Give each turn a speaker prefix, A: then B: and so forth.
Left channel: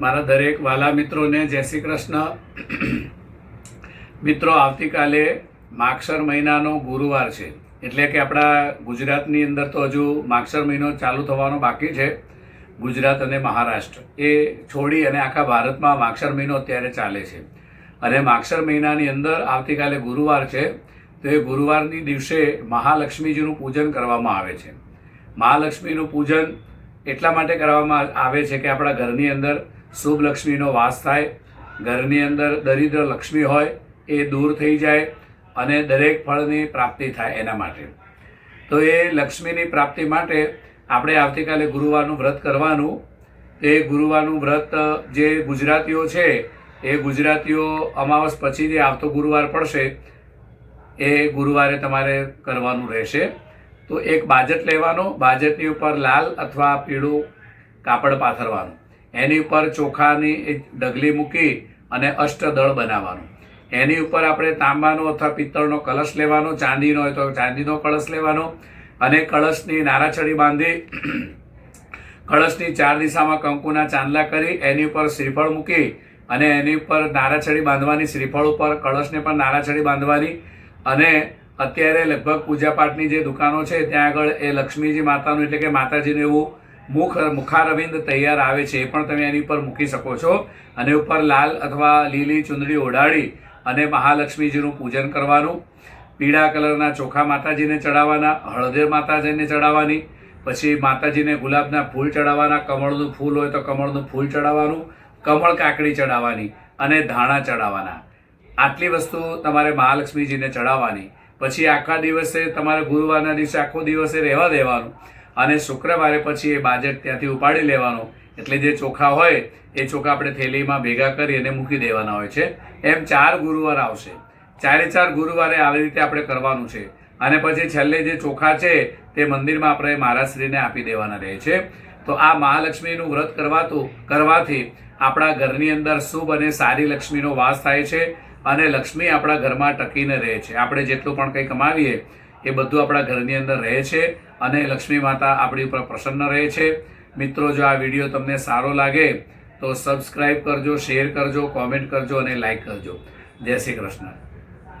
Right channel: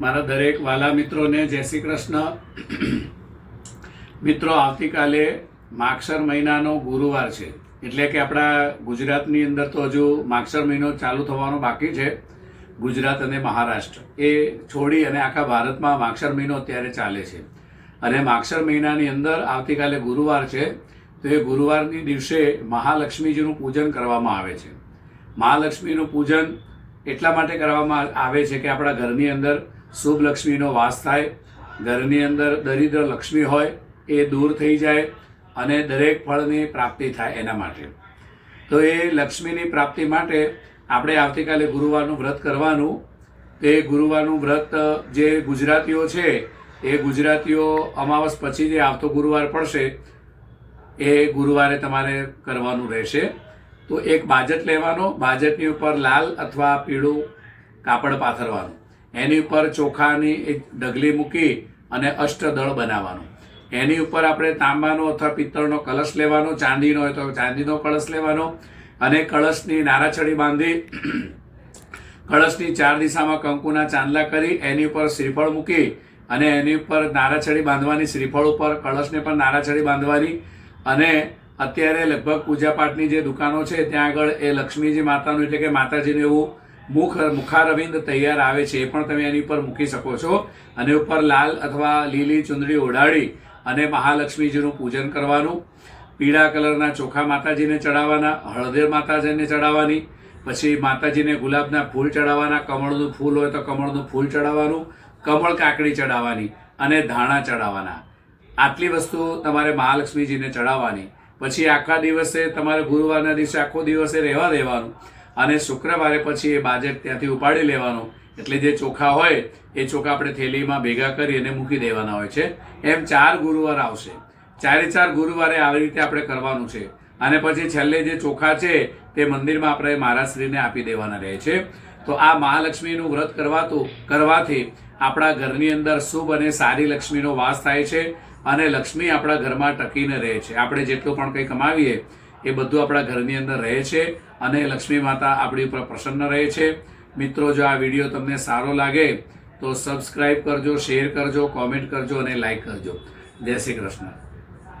A: મારા દરેક વાલા મિત્રોને જય શ્રી કૃષ્ણ. મિત્રો, આવતીકાલે માક્ષર મહિનાનો ગુરુવાર છે. એટલે કે આપણા ગુજરાતની અંદર તો હજુ માક્ષર મહિનો ચાલુ થવાનો બાકી છે. ગુજરાત અને મહારાષ્ટ્ર એ છોડી અને આખા ભારતમાં માક્ષર મહિનો અત્યારે ચાલે છે. અને માક્ષર મહિનાની અંદર આવતીકાલે ગુરુવાર છે. તો એ ગુરુવારની દિવસે મહાલક્ષ્મીજીનું પૂજન કરવામાં આવે છે. મહાલક્ષ્મીનું પૂજન એટલા માટે કરવામાં આવે છે કે આપણા ઘરની અંદર શુભ લક્ષ્મીનો વાસ થાય, ઘરની અંદર દરિદ્ર લક્ષ્મી હોય, એ દૂર થઈ જાય અને દરેક ફળની પ્રાપ્તિ થાય એના માટે. તો એ લક્ષ્મીની પ્રાપ્તિ માટે આપણે આવતીકાલે ગુરુવારનું વ્રત કરવાનું. તે ગુરુવારનું વ્રત, જે ગુજરાતીઓ છે, એ ગુજરાતીઓ અમાવસ પછી જે આવતો ગુરુવાર પડશે. એ ગુરુવારે તમારે કરવાનું રહેશે. તો એક બાજટ લેવાનો, બાજટની ઉપર લાલ અથવા પીળું કાપડ પાથરવાનું. એની ઉપર ચોખાની ડગલી મૂકી અને અષ્ટદળ બનાવવાનું. એની ઉપર આપણે તાંબાનો અથવા પિત્તળનો કળશ લેવાનો, ચાંદીનો હોય તો ચાંદીનો કળશ લેવાનો અને કળશની નારાછડી બાંધી કળશની ચાર દિશામાં કંકુના ચાંદલા કરી એની ઉપર શ્રીફળ મૂકી અને એની ઉપર નારાછડી બાંધવાની, શ્રીફળ ઉપર કળશને પણ નારાછડી બાંધવાની અને અત્યારે લગભગ પૂજાપાઠની જે દુકાનો છે, ત્યાં આગળ એ લક્ષ્મીજી માતાનું એટલે કે માતાજીનું એવું મુખ મુખારવિંદ તૈયાર આવે છે, એ પણ તમે એની ઉપર મૂકી શકો છો. અને ઉપર લાલ અથવા લીલી ચુંદડી ઓઢાડી અને મહાલક્ષ્મીજીનું પૂજન કરવાનું. પીળા કલરના ચોખા માતાજીને ચડાવવાના, હળદર માતાજીને ચડાવવાની, પછી માતાજીને ગુલાબના ફૂલ ચડાવવાના, કમળનું ફૂલ હોય તો કમળનું ફૂલ ચડાવવાનું, કમળ કાકડી ચડાવવાની અને ધાણા ચડાવવાના. આટલી વસ્તુ તમારે મહાલક્ષ્મીજીને ચડાવવાની. પછી આખા દિવસે તમારે ગુરુવારના દિવસે આખો દિવસે રહેવા દેવાનું. અને શુક્રવારે પછી એ બાજેટ ત્યાંથી ઉપાડી લેવાનું. એટલે જે ચોખા હોય, એ ચોખા આપણે થેલીમાં ભેગા કરી અને મૂકી દેવાના હોય છે. એમ ચાર ગુરુવાર આવશે. ચારે ચાર ગુરુવારે આવી રીતે આપણે કરવાનું છે. અને પછી છેલ્લે જે ચોખા છે, તે મંદિરમાં આપણે મહારાજશ્રીને આપી દેવાના રહે છે. તો આ મહાલક્ષ્મીનું વ્રત કરવાતું, કરવાથી આપણા ઘરની અંદર શુભ અને સારી લક્ષ્મીનો વાસ થાય છે અને લક્ષ્મી આપણા ઘરમાં ટકીને રહે છે. આપણે જેટલું પણ કંઈ કમાવીએ એ બધું આપણા ઘરની અંદર રહે છે અને લક્ષ્મી માતા આપણી ઉપર પ્રસન્ન રહે છે. મિત્રો, જો આ વીડિયો તમને સારો લાગે તો સબસ્ક્રાઈબ કરજો શેર કરજો કોમેન્ટ કરજો અને લાઈક કરજો. જય શ્રી કૃષ્ણ.